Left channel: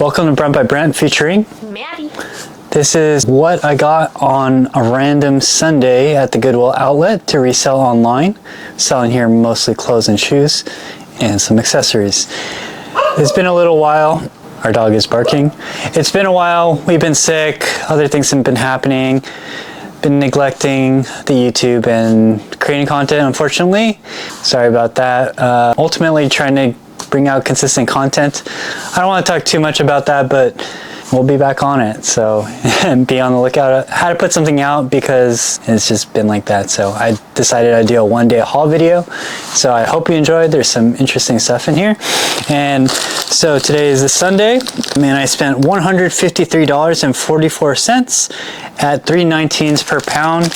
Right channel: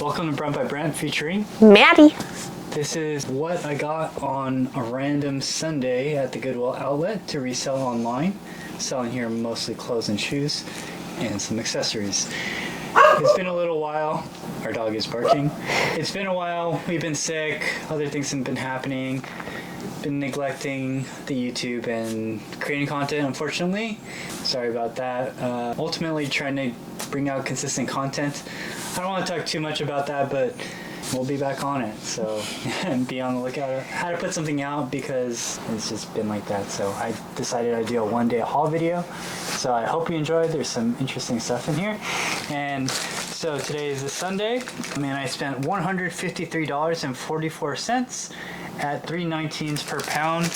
Welcome to Brent by Brent featuring Maddie. This is what I got on a random Sunday at the Goodwill outlet to resell online. Selling here mostly clothes and shoes and some accessories. It's been a little while. Our dog is barking. It's been a while. We've been sick. Other things have been happening. Been neglecting the YouTube and creating content, unfortunately. Sorry about that. Ultimately trying to bring out consistent content. I don't want to talk too much about that, but we'll be back on it. So be on the lookout. I had to put something out because it's just been like that. So I decided I'd do a one-day haul video. So I hope you enjoyed. There's some interesting stuff in here. And so today is the Sunday, and I spent $153.44 at $3.19 per pound,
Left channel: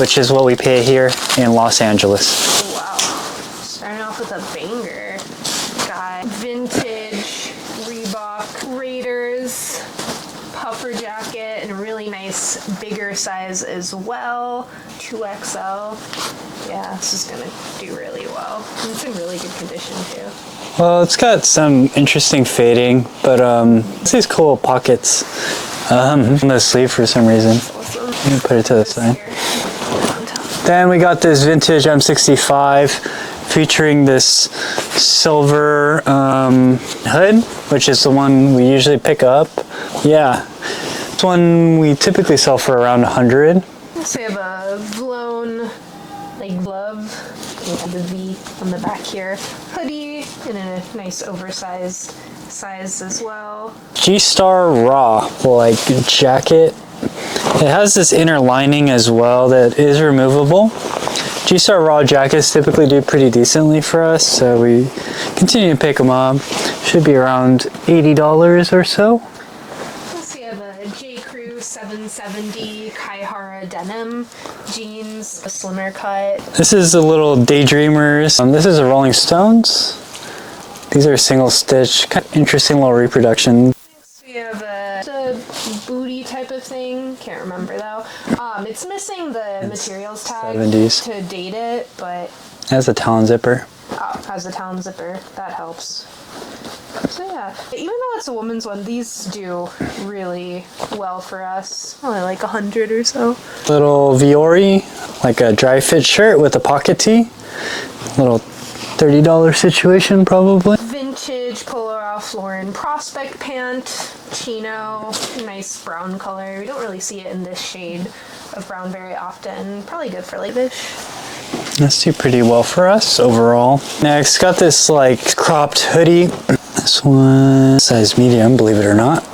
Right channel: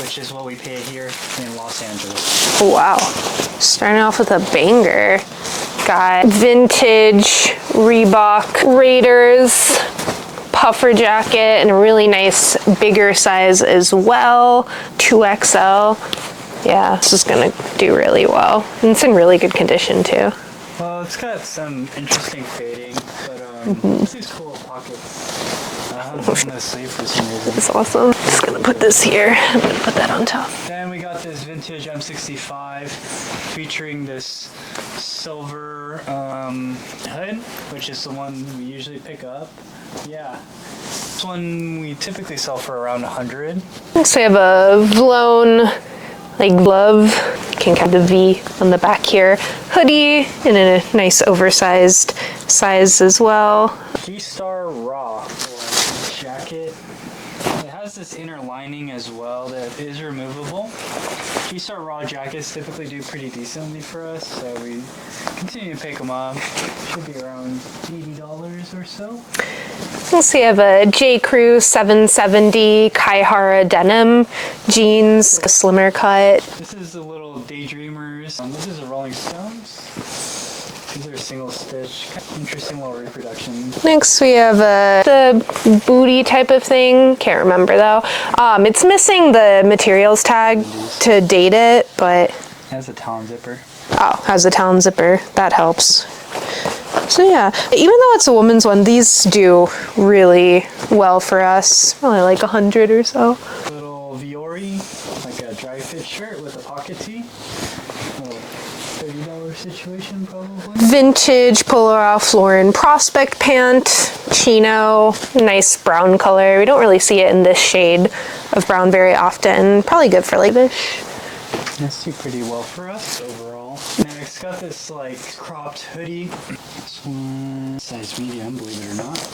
which is what we pay here in Los Angeles. Oh, wow. Starting off with a banger. Got vintage Reebok Raiders puffer jacket and a really nice bigger size as well, 2XL. Yeah, this is gonna do really well. And it's in really good condition too. Well, it's got some interesting fading, but it's these cool pockets from the sleeve for some reason. That's awesome. Put this here. I'm gonna put that on top. Then we got this vintage M65 featuring this silver hood, which is the one we usually pick up. Yeah, this one we typically sell for around 100. Next we have a Vlone glove. Can have the V on the back here. Hoodie in a nice oversized size as well. G-Star Raw jacket. It has this inner lining as well that is removable. G-Star Raw jackets typically do pretty decently for us, so we continue to pick them up. Should be around $80 or so. Next we have a J. Crew 770 Kaihara denim jeans, a slimmer cut. This is a little Daydreamers. This is a Rolling Stones. These are single stitch, kind of interesting little reproduction. Next we have the booty type of thing. Can't remember though. It's missing the materials tag 70s. To date it, but it has a Talon zipper. Oh, has a Talon zipper. That helps. So yeah, even though it's a woman's one, these do really well for us. Probably like 100 or so. Little Viore, like a dry fit shirt with a pocket tee. Little $30 situation probably. Vintage Polo Ralph Lauren Prospect pant, chino, nice brown color. We don't really see it in this shade of brown very often. Probably good for like-ish. That's do pretty well for us overall. Next, got this cropped hoodie. This one, size medium, believe it or not.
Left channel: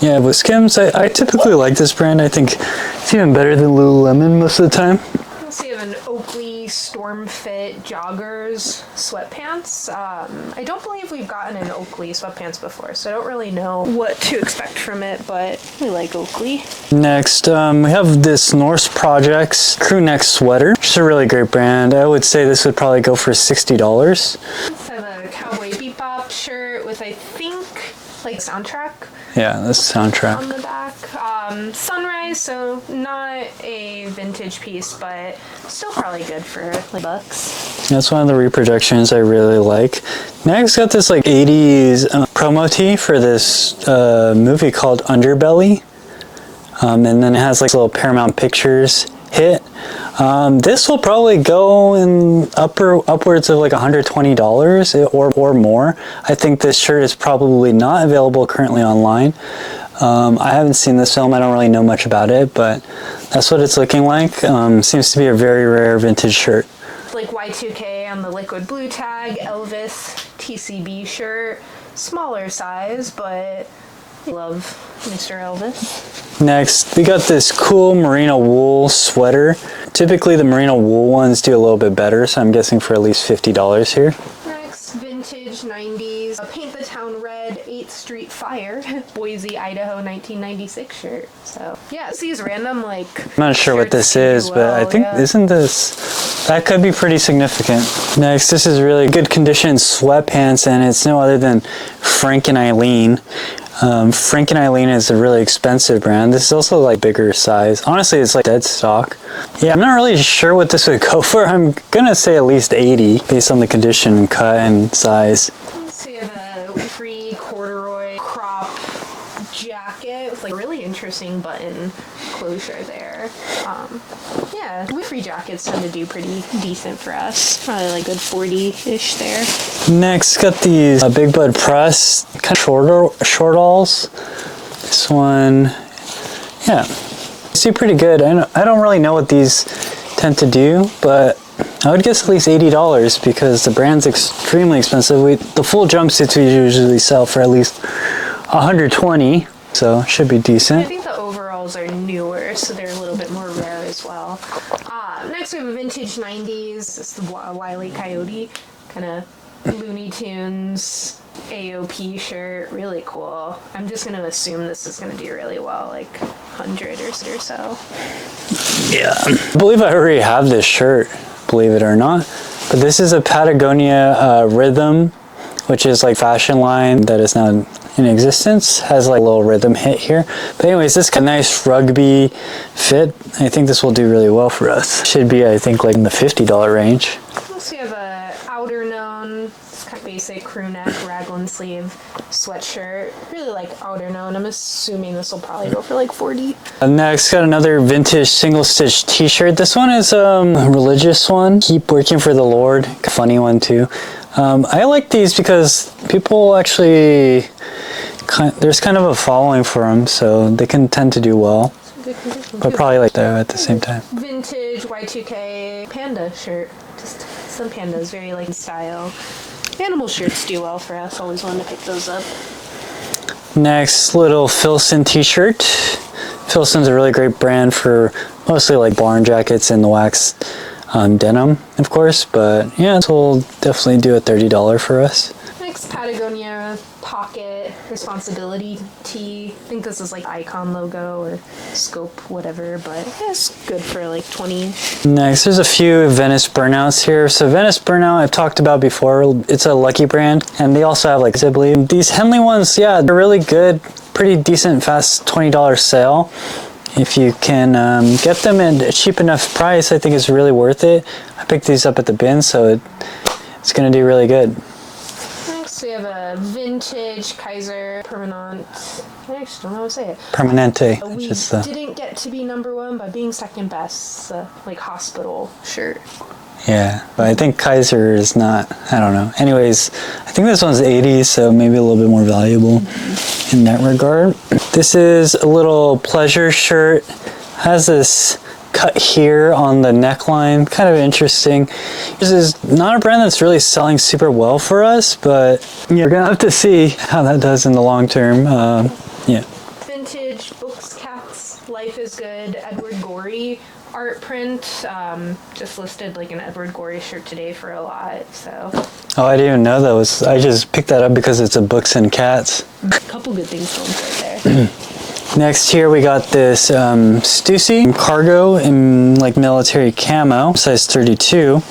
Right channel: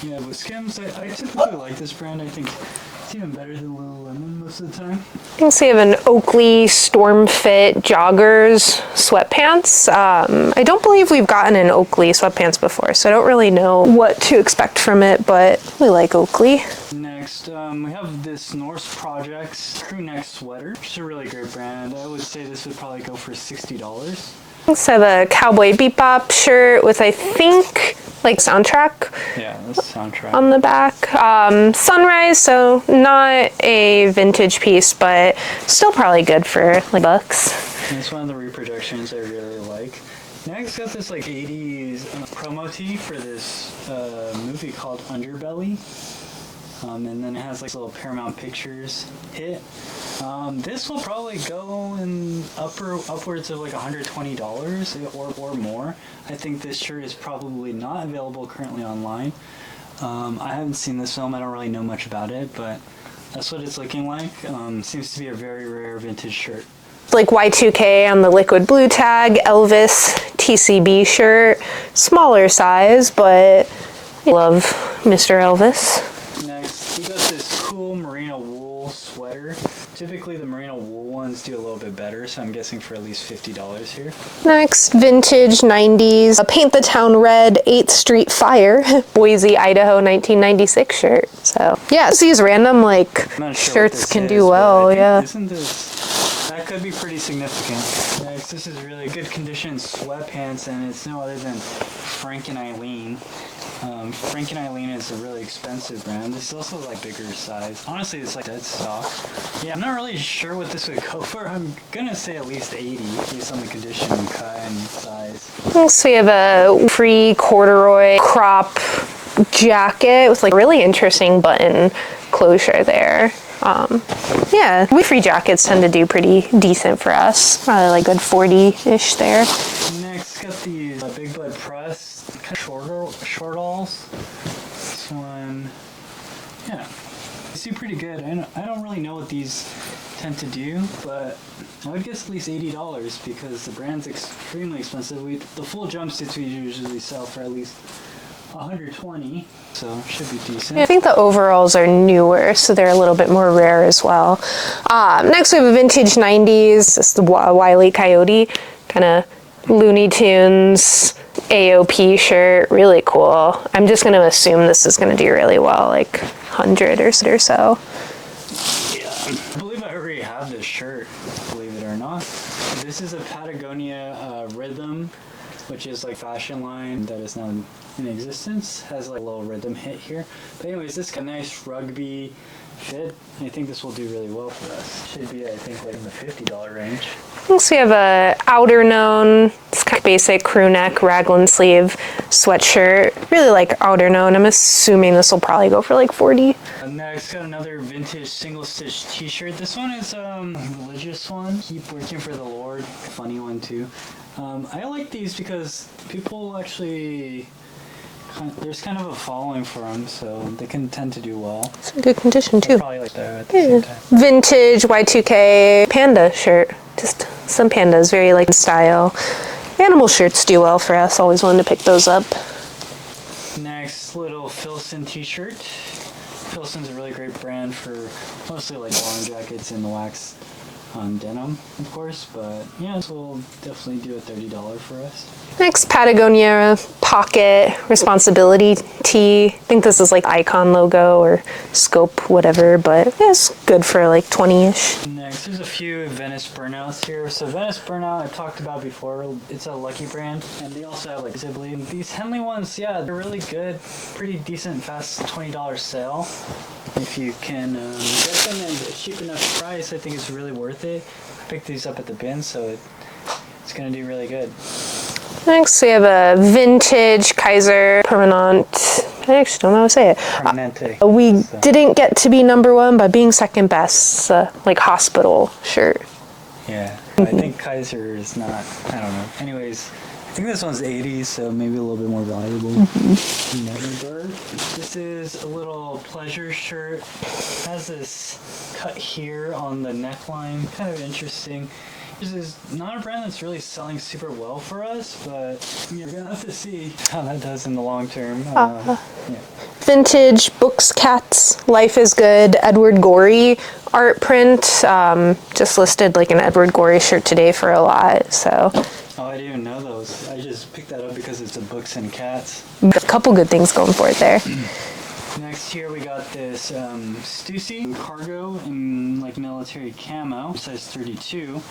Yeah, with Skims, I typically like this brand. I think it's even better than Lululemon most of the time. Next we have an Oakley Storm Fit joggers sweatpants. I don't believe we've gotten an Oakley sweatpants before, so I don't really know what to expect from it, but we like Oakley. Next, we have this Norse Projects crew neck sweater, which is a really great brand. I would say this would probably go for $60. Let's have a Cowboy Bebop shirt with, I think, soundtrack. Yeah, this soundtrack on the back. Sunrise, so not a vintage piece, but still probably good for bucks. That's one of the reproductions I really like. Next, got this 80s promo tee for this movie called Underbelly, and then it has little Paramount Pictures hit. This will probably go in upwards of $120 or more. I think this shirt is probably not available currently online. I haven't seen this film. I don't really know much about it, but that's what it's looking like. Seems to be a very rare vintage shirt. Y2K on the liquid blue tag, Elvis TCB shirt, smaller size, but I love Mr. Elvis. Next, we got this cool merino wool sweater. Typically the merino wool ones do a little bit better, so I'm guessing for at least $50 here. Next, vintage 90s, a Paint the Town Red 8th Street Fire, Boise, Idaho 1996 shirt. So yeah, it's these random I'm not sure what this is, but I think, isn't this, that could be pretty significant. Next, this is really good condition sweatpants, and it's no other than Frank and Eileen. Frank and Eileen is a really expensive brand. This is also like bigger size. Honestly, it's like dead stock. Yeah, I'm not really sure what this would go for. I'm gonna say at least 80 based on the condition, cut, and size. Next we have a free corduroy crop jacket with like really interesting button closure there. Yeah, we free jackets tend to do pretty decent for us. Probably like good 40-ish there. Next, got these Big Bud Press kind of short-alls. This one, yeah, they do pretty good. I don't really know what these tend to do, but I would guess at least $80 because the brand's extremely expensive. The full jumpsuits we usually sell for at least $120. So should be decent. I think the overalls are newer, so they're a little bit more rare as well. Next we have a vintage 90s. It's the Wile E. Coyote, kind of Looney Tunes AOP shirt. Really cool. I'm just going to assume this is going to do really well, like 100 or so. Yeah. I believe I already have this shirt, believe it or not. But this is a Patagonia Rhythm, which is like fashion line that is now in existence. Has like a little rhythm hit here. But anyways, this kind of nice rugby fit. I think this will do really well for us. Should be, I think, like in the $50 range. Next we have a outer known, it's kind of basic crew neck raglan sleeve sweatshirt. Really like outer known. I'm assuming this will probably go for like 40. Next, got another vintage single stitch t-shirt. This one is a religious one. Keep working for the Lord. Funny one too. I like these because people actually, there's kind of a following for them, so they can tend to do well. It's in good condition too. But probably like that at the same time. Vintage Y2K panda shirt. Just some pandas, very like style. Animal shirts do well for us. Always wanted to pick those up. Next, little Filson t-shirt. Filson's a really great brand for mostly like barn jackets and the wax denim, of course, but yeah, this will definitely do a $30 for us. Next, Patagonia pocket responsibility tee. I think this is like Icon logo or Scope, whatever, but yeah, it's good for like 20-ish. Next, there's a few Venice Burnouts here. So Venice Burnout, I've talked about before. It's a Lucky brand, and they also have like, I believe, these Henley ones, yeah, they're really good. Pretty decent, fast $20 sale. If you can get them at a cheap enough price, I think it's really worth it. I picked these up at the bin, so it's gonna do really good. Next, we have a vintage Kaiser Permanente. I actually don't know how to say it. Permanente. We didn't get to be number one by being second best. Like hospital shirt. Yeah, but I think Kaiser is not, I don't know. Anyways, I think this one's 80, so maybe a little bit more valuable in that regard. This is a little pleasure shirt. Has this cut here on the neckline, kind of interesting. This is not a brand that's really selling super well for us, but you're gonna have to see how that does in the long term. Yeah. Vintage Books Cats, Life is Good, Edward Gorey art print. Just listed like an Edward Gorey shirt today for a lot, so. Oh, I didn't even know that was, I just picked that up because it's a Books and Cats. A couple good things going for it there. Next here we got this Stussy cargo in like military camo, size 32.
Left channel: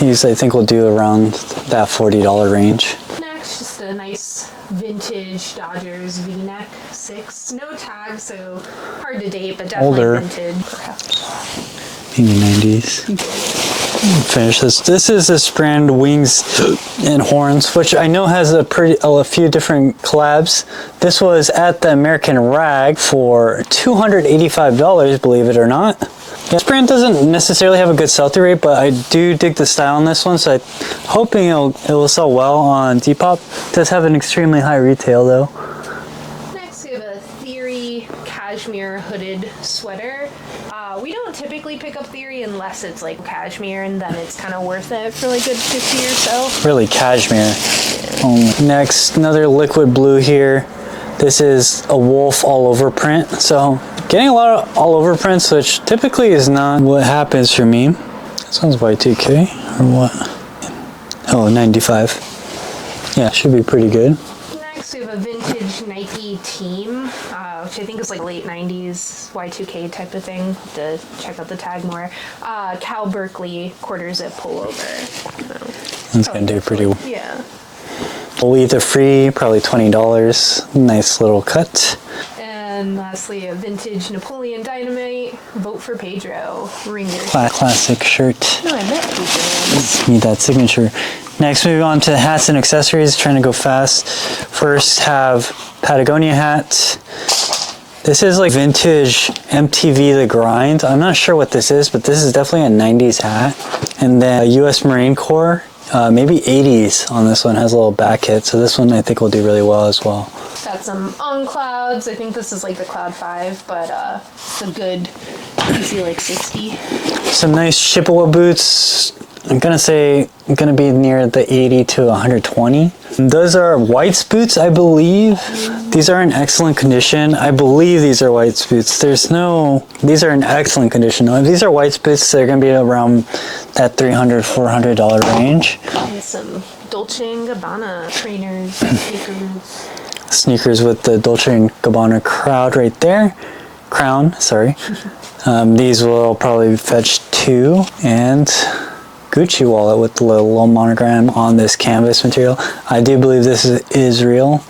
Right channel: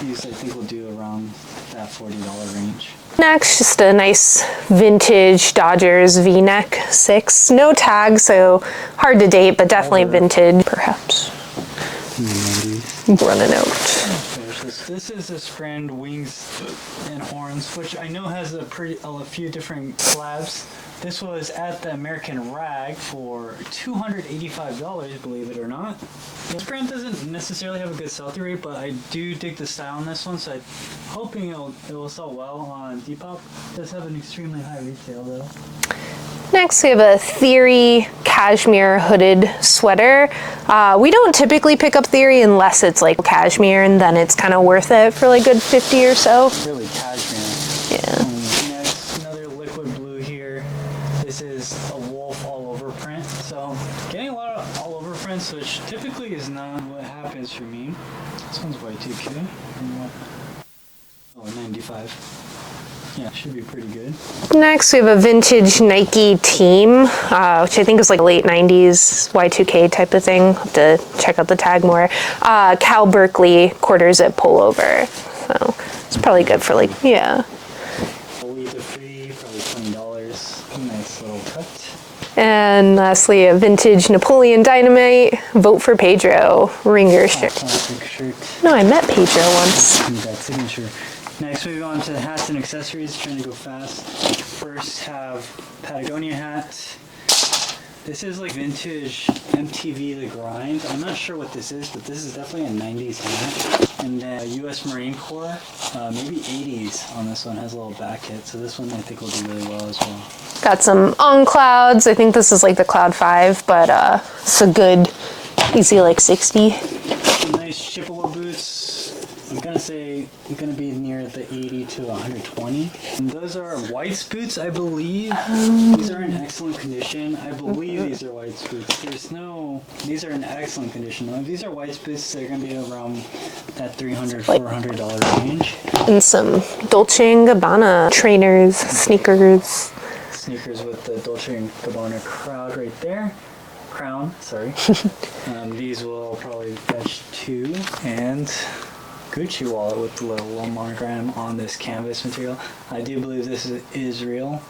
These I think will do around that $40 range. Next, just a nice vintage Dodgers V-neck 6. No tag, so hard to date, but definitely Older. Vintage, perhaps. In the 90s. Running out. Finish this. This is this brand Wings and Horns, which I know has a few different collabs. This was at the American Rag for $285, believe it or not. This brand doesn't necessarily have a good sell-through rate, but I do dig the style on this one, so I'm hoping it will sell well on Depop. It does have an extremely high retail though. Next, we have a Theory cashmere hooded sweater. We don't typically pick up Theory unless it's like cashmere, and then it's kind of worth it for like good 50 or so. Really cashmere. Yeah. Next, another liquid blue here. This is a wolf all over print. So getting a lot of all over prints, which typically is not what happens for me. This one's Y2K or what? Oh, 95. Yeah, should be pretty good. Next, we have a vintage Nike Team, which I think is like late 90s Y2K type of thing. I'll have to check out the tag more. Cal Berkeley quarter zip pullover. So it's probably good for like, yeah. We'll leave the free, probably $20. Nice little cut. And lastly, a vintage Napoleon Dynamite. Vote for Pedro ringer shirt. Classic shirt. No, I met Pedro once. Need that signature. Next, moving on to hats and accessories. Trying to go fast. First, have Patagonia hat. This is like vintage MTV The Grind. I'm not sure what this is, but this is definitely a 90s hat. And then a US Marine Corps, maybe 80s on this one, has a little back hit. So this one I think will do really well as well. Got some on clouds. I think this is like the Cloud 5, but it's a good, easy like 60. Some nice Chippewa boots. I'm gonna be near the 80 to 120. And those are White's boots, I believe. These are in excellent condition. I believe these are White's boots. These are in excellent condition. These are White's boots. They're gonna be around that $300, $400 range. And some Dolce & Gabbana trainers, sneakers. Sneakers with the Dolce & Gabbana crown, sorry. These will probably fetch $2, and Gucci wallet with the little monogram on this canvas material. I do believe this is real.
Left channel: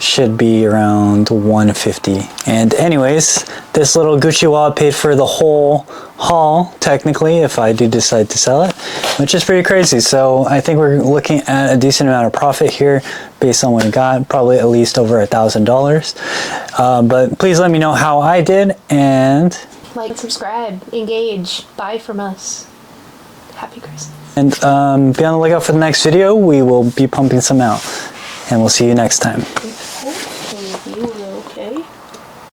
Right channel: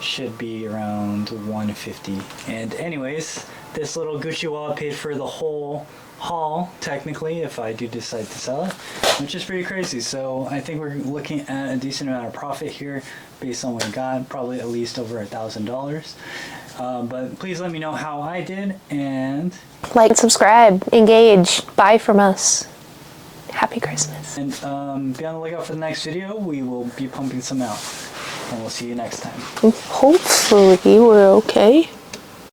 Should be around $150. And anyways, this little Gucci wallet paid for the whole haul, technically, if I do decide to sell it, which is pretty crazy. So I think we're looking at a decent amount of profit here based on what we got, probably at least over $1,000. But please let me know how I did, and like, subscribe, engage, buy from us. Happy Christmas. And be on the lookout for the next video. We will be pumping some out. And we'll see you next time. Hopefully we're okay.